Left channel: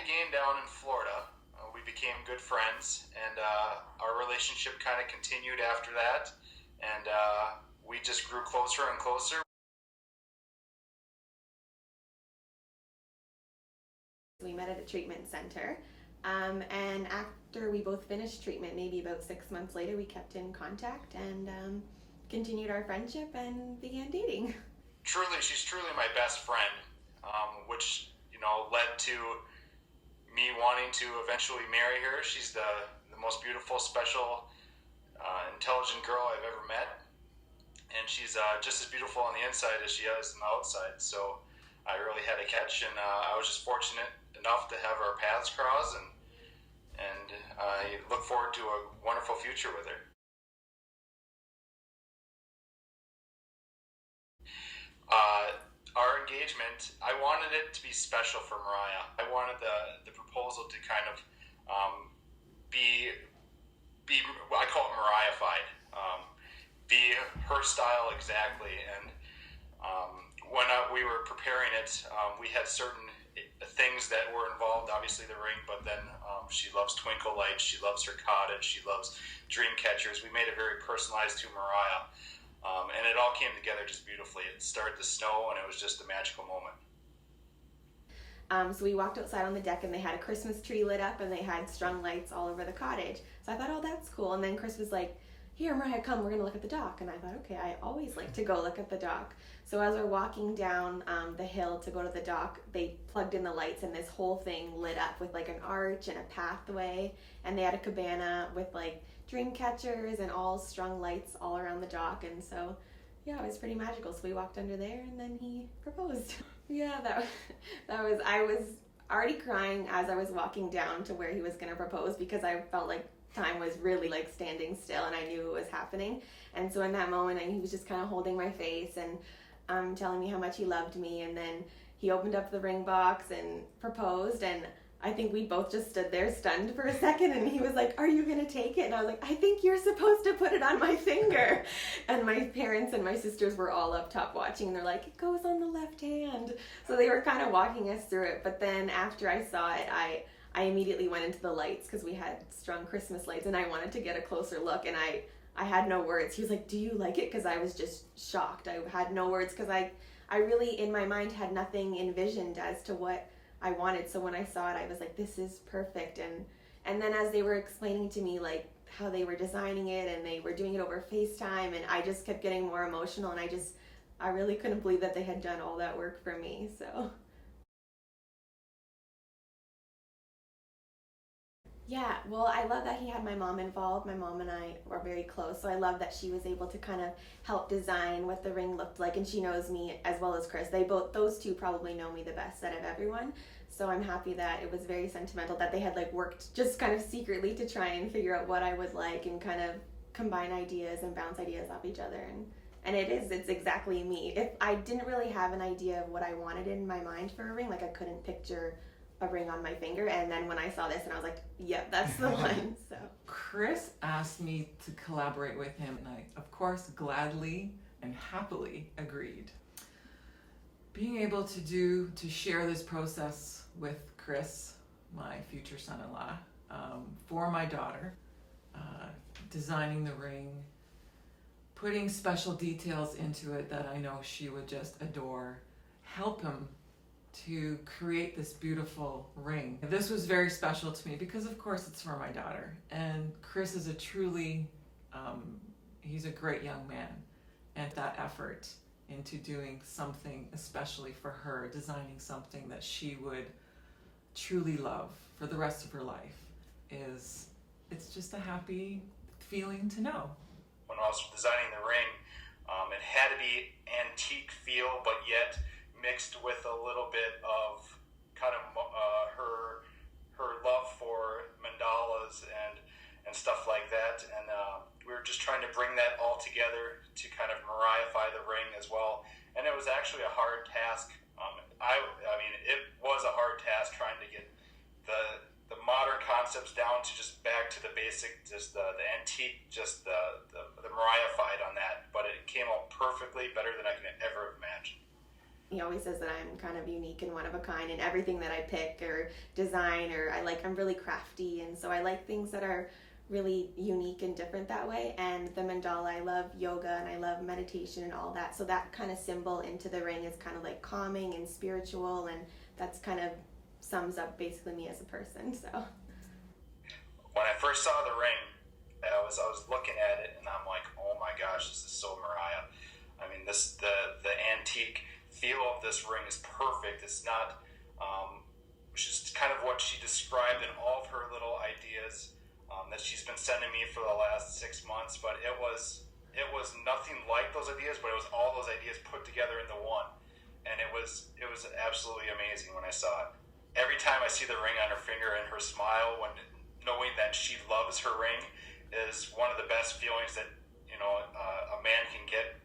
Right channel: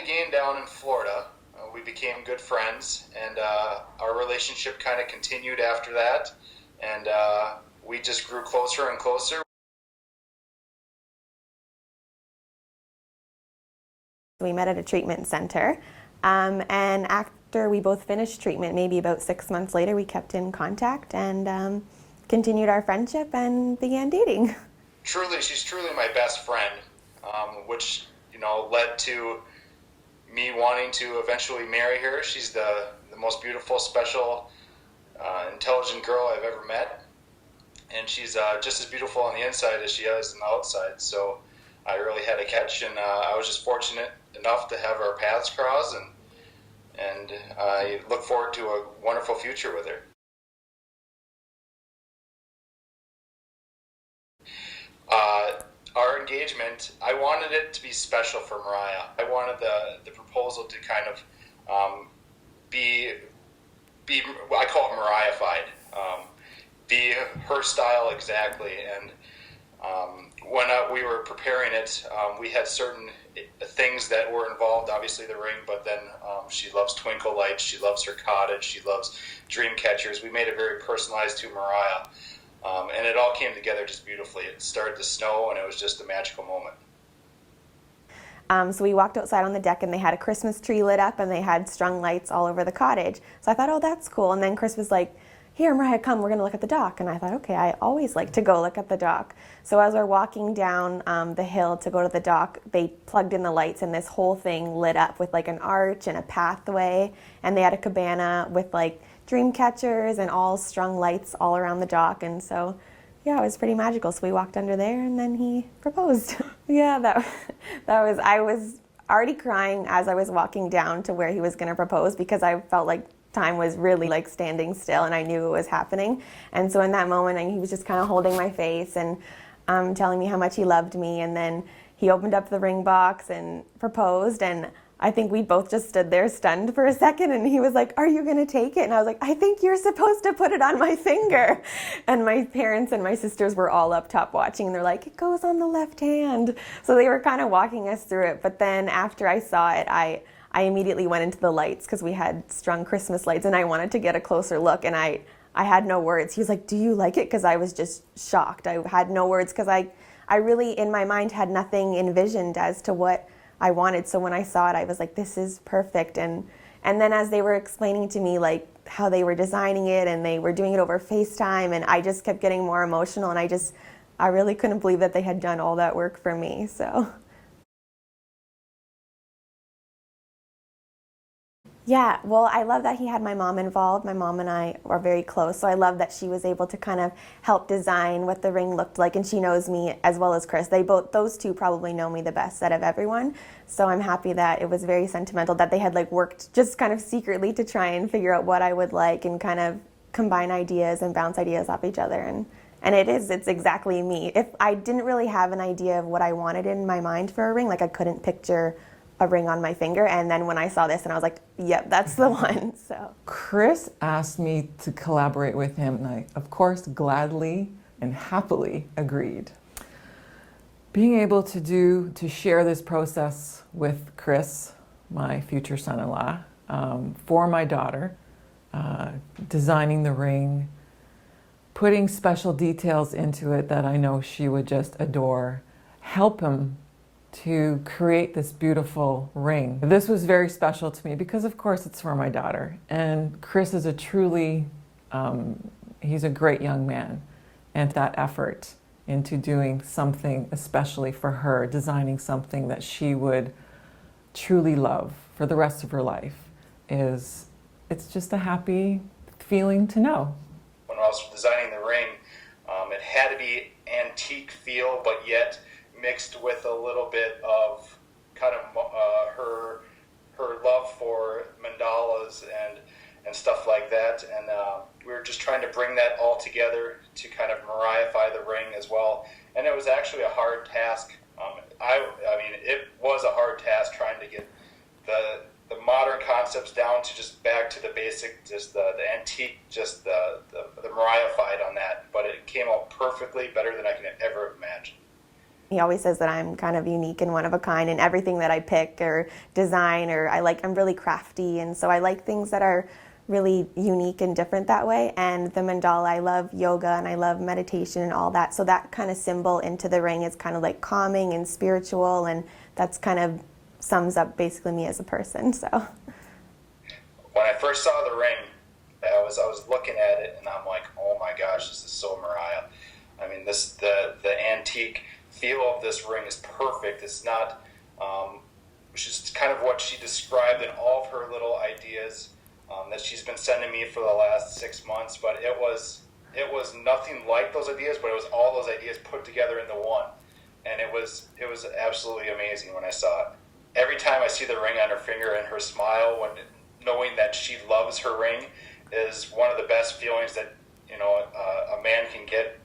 the game down in Florida. We became good friends, and our relationship kind of continued after that, and we just grew closer and closer. We met at a treatment center, and after we both finished treatment, maybe about 6 months later, we kept in contact and continued our friendship and began dating. She's truly my best friend, which led to me wanting to eventually marry her. She's the most beautiful, special, intelligent girl I've ever met, and she's just as beautiful on the inside as she is on the outside. So I really had a catch, and I was just fortunate enough to have our paths cross, and I look forward to a wonderful future with her. Our engagement, I wanted it to be special for Mauryah. I wanted the proposal to kind of be I call it Mauryah-fied, be her style exactly. And when we were preparing it, we had certain things that were involved, obviously the ring, but then she loves twinkle lights, she loves her cottage, she loves dream catchers. We made it very personalized to Mauryah. And it all came together just beautifully. It started to snow, and it was just a magical moment. So we walked outside on the deck, and they had a Christmas tree lit up, and they had strung lights all over the cottage. So I thought, oh, that's cool. And then Chris was like, here, Mauryah, come, we're going to look at the dock. And I thought, okay, I always like to go look at the dock. So as we're walking down the hill to go to the dock, they plugged in the lights, and this whole thing lit up with like an arch and a pathway. And they had a cabana with like dream catchers and all strung lights all around the dock. And so yeah, it was pretty magical. So we walked under there, and then he proposed. Yeah, I was already crying as I was walking down to where he was going to propose, because I felt like time was really like standing still, and I knew it was happening. And so in that moment, he was just kind of holding my face and telling me how much he loved me. And then he opened up the ring box and proposed, and I think we both just stood there stunned for a second, and he was like, are you going to take it? And I was like, I think you're supposed to put it on my finger. And my parents and my sisters were all up top watching, and they're like, it goes on the left hand. So they were kind of walking us through it. But then after I saw it, I immediately went into the lights, because we had strung Christmas lights, and I wanted to get a closer look, and I had no words. He was like, do you like it? Because I was just shocked. I had no words, because I really, in my mind, had nothing envisioned as to what I wanted. So when I saw it, I was like, this is perfect. And then as they were explaining to me like how they were designing it, and they were doing it over FaceTime, and I just kept getting more emotional, and I really couldn't believe that they had done all that work for me. So yeah, well, I love that he had my mom involved. My mom and I are very close, so I love that she was able to kind of help design what the ring looked like, and she knows me as well as Chris. Those two probably know me the best out of everyone, so I'm happy that it was very sentimental, that they had like worked just kind of secretly to try and figure out what I would like, and kind of combine ideas and bounce ideas off each other. And it's exactly me. If I didn't really have an idea of what I wanted in my mind for a ring, like I couldn't picture a ring on my finger, and then when I saw this, and I was like, yep, that's the one. So Chris asked me to collaborate with him, and I, of course, gladly and happily agreed. Being able to share this process with Chris, my future son-in-law, for my daughter, designing the ring, putting special details into it that I know she would just adore, help him to create this beautiful ring. This was very special to me because, of course, it's for my daughter. And Chris is he's a great young man. And that effort into doing something especially for her, designing something that she would truly love for the rest of her life, it's just a happy feeling to know. When I was designing the ring, it had to be antique feel, but yet mixed with a little bit of kind of her love for mandalas and stuff like that. And we were just trying to bring that all together to kind of Mauryah-fy the ring as well. And it was actually a hard task. I mean, it was a hard task trying to get the modern concepts down to just back to the basic, just the antique, just the Mauryah-fied on that. But it came out perfectly, better than I can ever imagine. He always says that I'm kind of unique and one of a kind in everything that I pick or design, or I'm really crafty, and so I like things that are really unique and different that way. And the mandala, I love yoga and I love meditation and all that. So that kind of symbol into the ring is kind of like calming and spiritual, and that's kind of sums up basically me as a person. So when I first saw the ring, I was looking at it and I'm like, oh my gosh, this is so Mauryah. I mean, the antique feel of this ring is perfect. It's not, just kind of what she described in all of her little ideas that she's been sending me for the last 6 months. But it was nothing like those ideas, but it was all those ideas put together into one, and it was absolutely amazing when I saw it. Every time I see the ring on her finger and her smile, when knowing that she loves her ring, is one of the best feelings that a man can get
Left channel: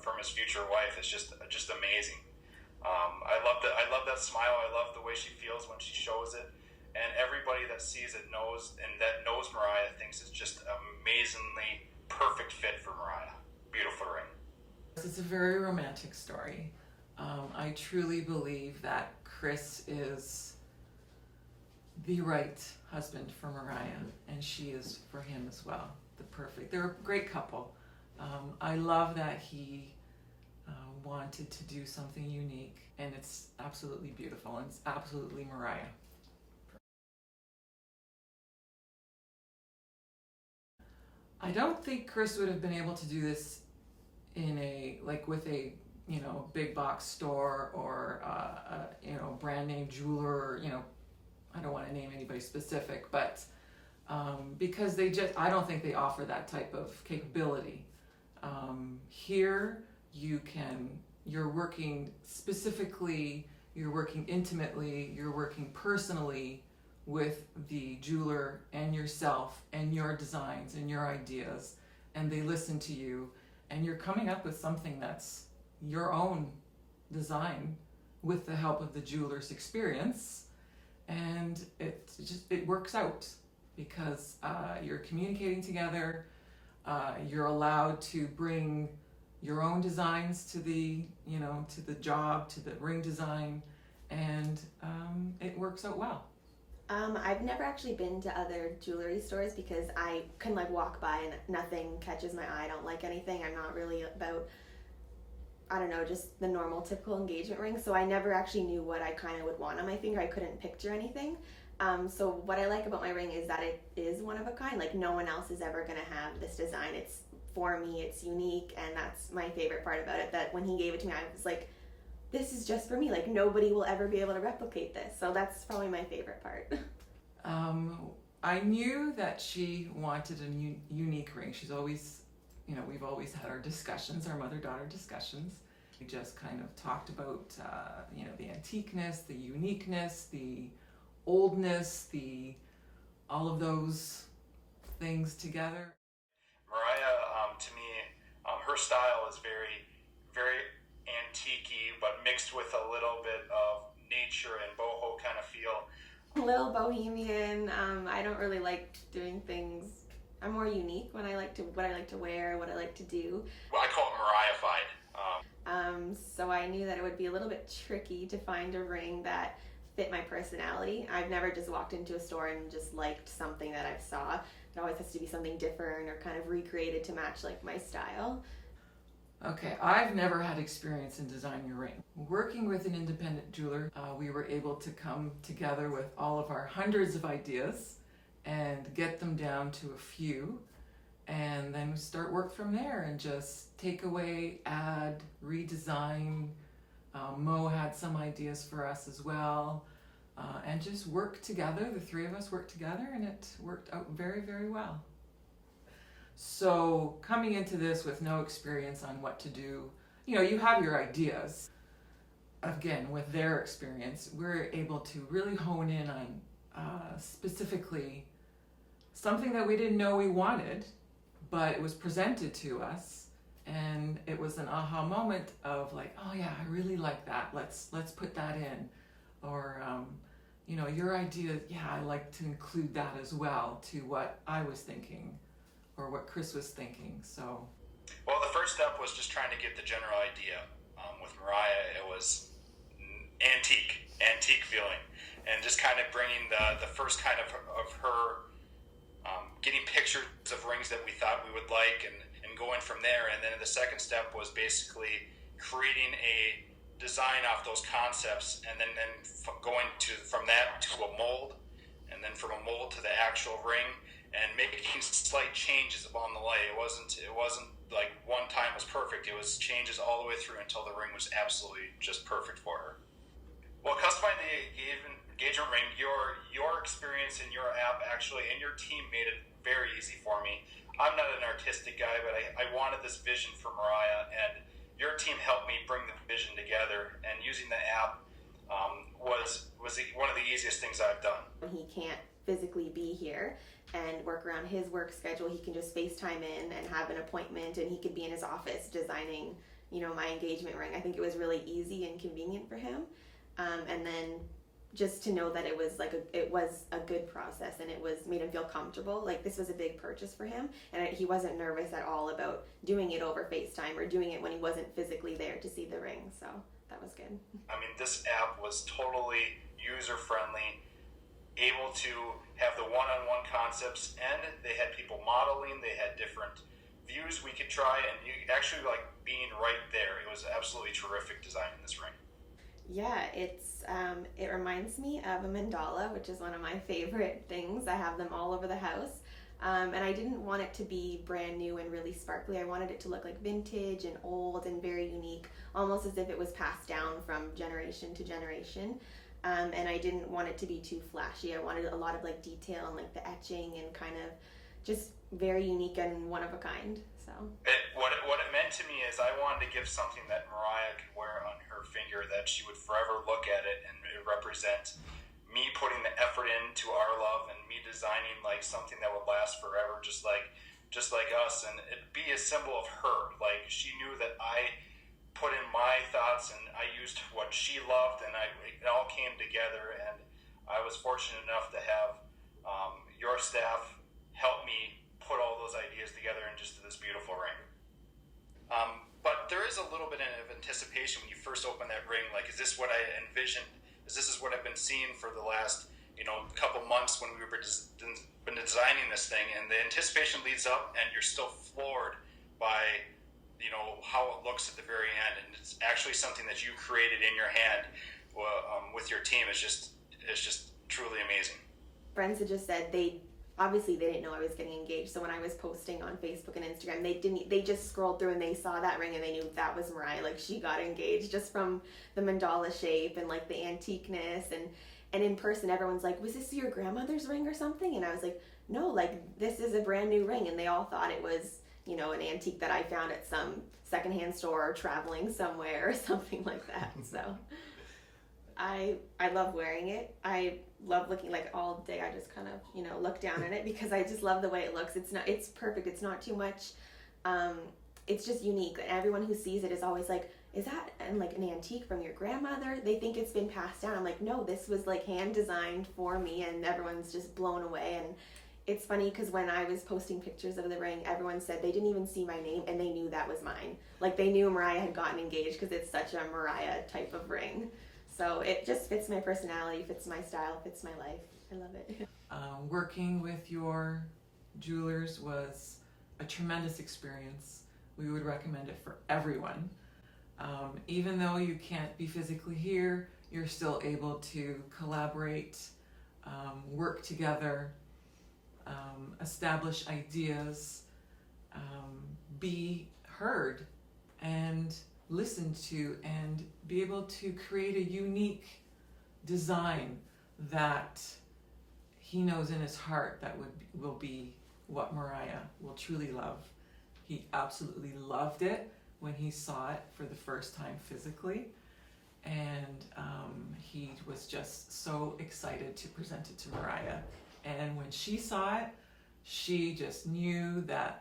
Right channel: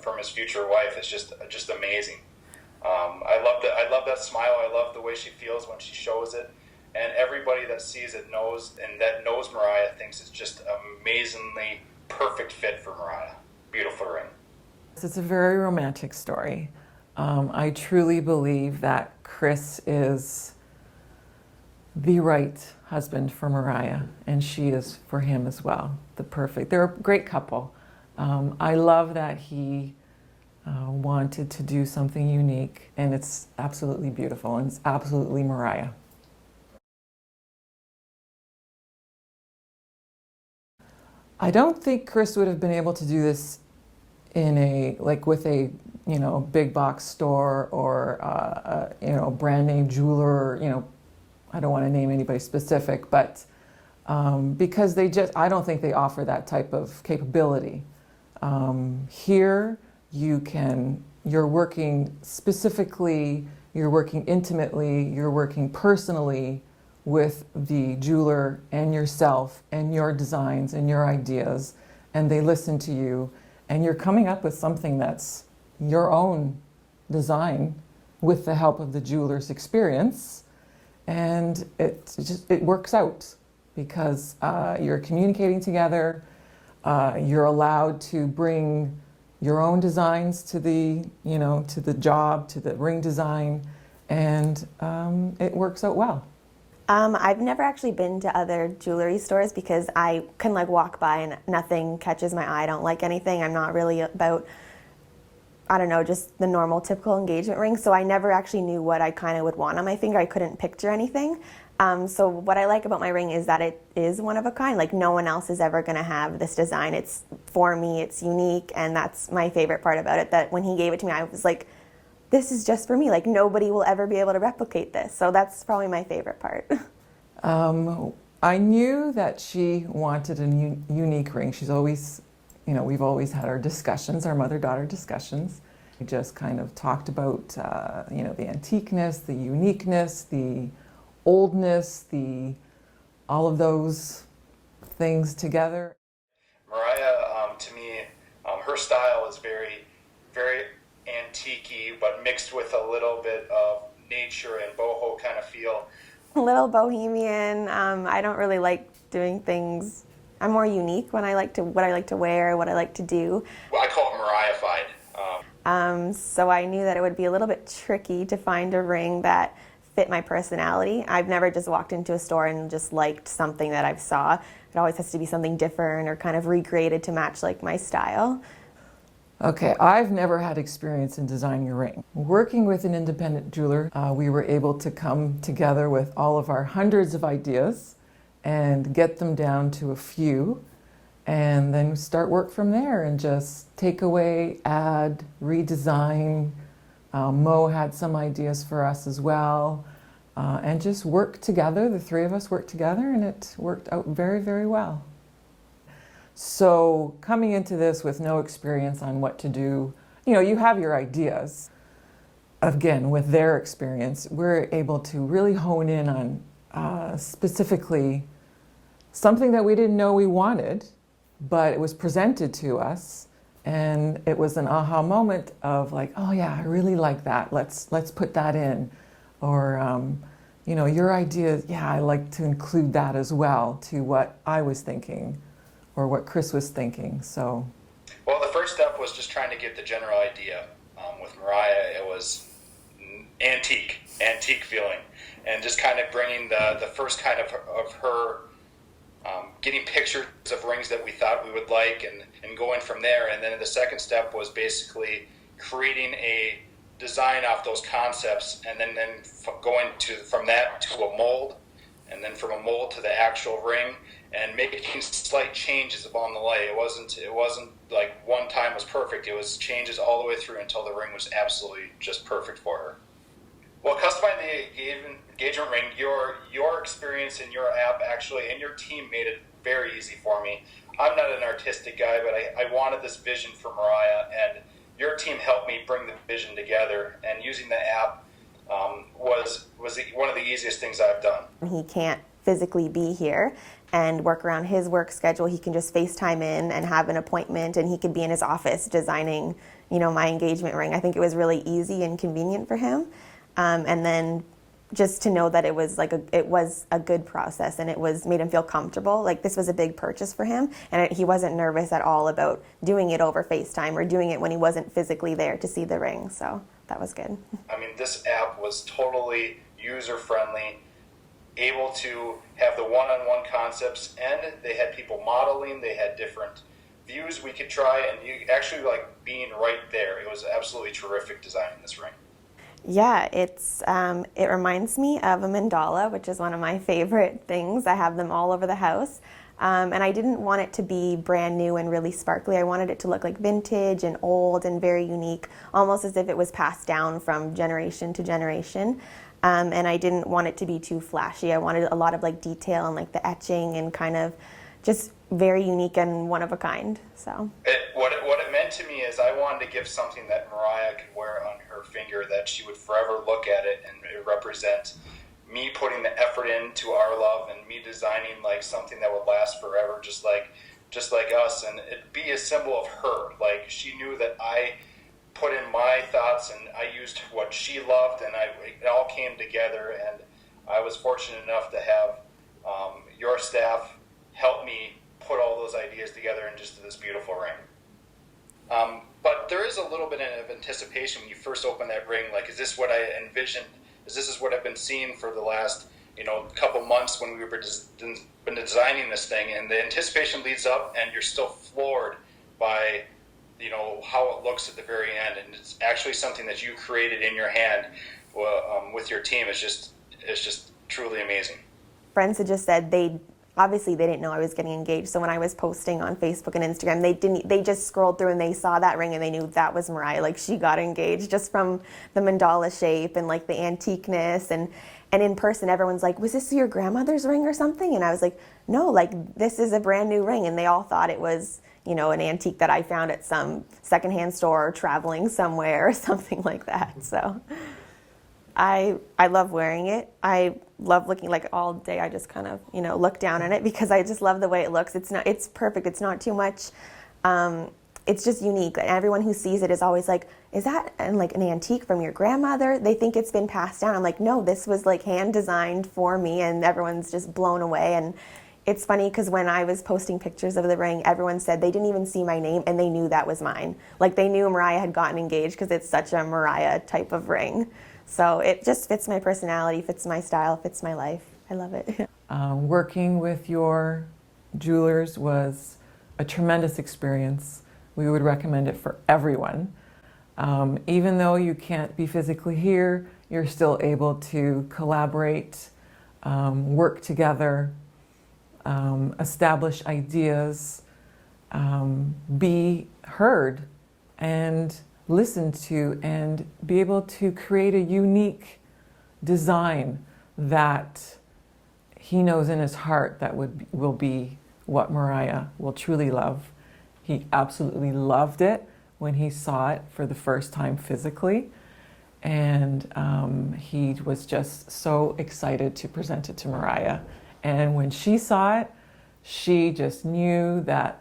from his future wife. It's just amazing. I love that smile. I love the way she feels when she shows it, and everybody that sees it knows Mauryah thinks it's just amazingly perfect fit for Mauryah. Beautiful ring. It's a very romantic story. I truly believe that Chris is the right husband for Mauryah, and she is for him as well. They're a great couple. I love that he wanted to do something unique, and it's absolutely beautiful, and it's absolutely Mauryah. I don't think Chris would have been able to do this with a big box store or a brand name jeweler. I don't want to name anybody specific, but because I don't think they offer that type of capability. Here you're working specifically, you're working intimately, you're working personally with the jeweler and yourself and your designs and your ideas, and they listen to you, and you're coming up with something that's your own design with the help of the jeweler's experience, and it works out because you're communicating together. You're allowed to bring your own designs to the job, to the ring design, and it works out well. I've never actually been to other jewelry stores because I can walk by and nothing catches my eye. I don't like anything. I'm not really about, I don't know, just the normal typical engagement ring. So I never actually knew what I kind of would want on my finger. I couldn't picture anything. So what I like about my ring is that it is one of a kind. No one else is ever going to have this design. It's for me, it's unique, and that's my favorite part about it, that when he gave it to me, I was like, this is just for me. Nobody will ever be able to replicate this. So that's probably my favorite part. I knew that she wanted a unique ring. She's always, we've always had our discussions, our mother-daughter discussions. We just kind of talked about, the antiqueness, the uniqueness, the oldness, all of those things together. Mauryah, to me, her style is very, very antique-y, but mixed with a little bit of nature and boho kind of feel. A little bohemian. I don't really like doing things. I'm more unique when what I like to wear, what I like to do. Well, I call it Mauryah-fied. So I knew that it would be a little bit tricky to find a ring that fit my personality. I've never just walked into a store and just liked something that I saw. It always has to be something different or kind of recreated to match my style. Okay, I've never had experience in designing a ring. Working with an independent jeweler, we were able to come together with all of our hundreds of ideas and get them down to a few, and then start work from there and just take away, add, redesign. Mo had some ideas for us as well, and just work together. The three of us worked together, and it worked out very, very well. So coming into this with no experience on what to do, you have your ideas. Again, with their experience, we're able to really hone in on specifically something that we didn't know we wanted, but it was presented to us, and it was an aha moment of oh yeah, I really like that. Let's put that in. Or your idea, yeah, I like to include that as well to what I was thinking or what Chris was thinking. So, well, the first step was just trying to get the general idea with Mauryah, it was antique feeling, and just kind of bringing the first kind of her getting pictures of rings that we thought we would like, and going from there. And then the second step was basically creating a design off those concepts, and then going from that to a mold, and then from a mold to the actual ring, and making slight changes along the way. It wasn't like one time was perfect. It was changes all the way through until the ring was absolutely just perfect for her. Well, customizing the engagement ring, your experience in your app actually, and your team made it very easy for me. I'm not an artistic guy, but I wanted this vision for Mauryah, and your team helped me bring the vision together. And using the app was one of the easiest things I've done. He can't physically be here and work around his work schedule. He can just FaceTime in and have an appointment, and he could be in his office designing, my engagement ring. I think it was really easy and convenient for him. And then just to know that it was a good process, and it made him feel comfortable. Like, this was a big purchase for him, and he wasn't nervous at all about doing it over FaceTime or doing it when he wasn't physically there to see the ring. So that was good. I mean, this app was totally user-friendly, able to have the one-on-one concepts, and they had people modeling, they had different views we could try, and you actually like being right there. It was absolutely terrific designing this ring. Yeah, it reminds me of a mandala, which is one of my favorite things. I have them all over the house. And I didn't want it to be brand new and really sparkly. I wanted it to look like vintage and old and very unique, almost as if it was passed down from generation to generation. And I didn't want it to be too flashy. I wanted a lot of like detail and like the etching and kind of just very unique and one of a kind. So what it meant to me is I wanted to give something that Mauryah could wear on her finger, that she would forever look at it, and it represents me putting the effort into our love, and me designing like something that would last forever, just like us, and it'd be a symbol of her. Like, she knew that I put in my thoughts, and I used what she loved, and it all came together. And I was fortunate enough to have your staff help me put all those ideas together into this beautiful ring. But there is a little bit of anticipation when you first open that ring. Like, is this what I envisioned? This is what I've been seeing for the last, couple months when we've been designing this thing? And the anticipation leads up, and you're still floored by, how it looks at the very end. And it's actually something that you created in your hand with your team. It's just truly amazing. Friends had just said obviously they didn't know I was getting engaged. So when I was posting on Facebook and Instagram, they just scrolled through and they saw that ring and they knew that was Mauryah. Like, she got engaged just from the mandala shape and like the antiqueness, and in person everyone's like, was this your grandmother's ring or something? And I was like, no, like, this is a brand new ring. And they all thought it was, an antique that I found at some secondhand store or traveling somewhere or something like that. So I love wearing it. I love looking, like, all day. I just kind of, look down at it because I just love the way it looks. It's perfect. It's not too much. It's just unique. And everyone who sees it is always like, is that an antique from your grandmother? They think it's been passed down. I'm like, no, this was like hand designed for me, and everyone's just blown away. And it's funny because when I was posting pictures of the ring, everyone said they didn't even see my name and they knew that was mine. Like, they knew Mauryah had gotten engaged because it's such a Mauryah type of ring. So it just fits my personality, fits my style, fits my life. I love it. Working with your jewelers was a tremendous experience. We would recommend it for everyone. Even though you can't be physically here, you're still able to collaborate, work together, establish ideas, be heard and listened to, and be able to create a unique design that he knows in his heart that will be what Mauryah will truly love. He absolutely loved it when he saw it for the first time physically, and he was just so excited to present it to Mauryah. And when she saw it, she just knew that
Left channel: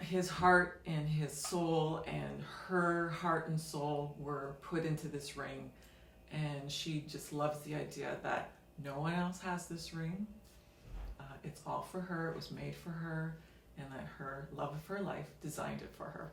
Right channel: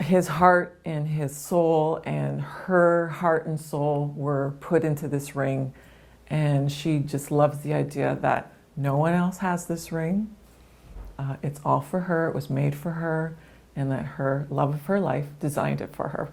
his heart and his soul and her heart and soul were put into this ring. And she just loves the idea that no one else has this ring. It's all for her. It was made for her, and that her love of her life designed it for her.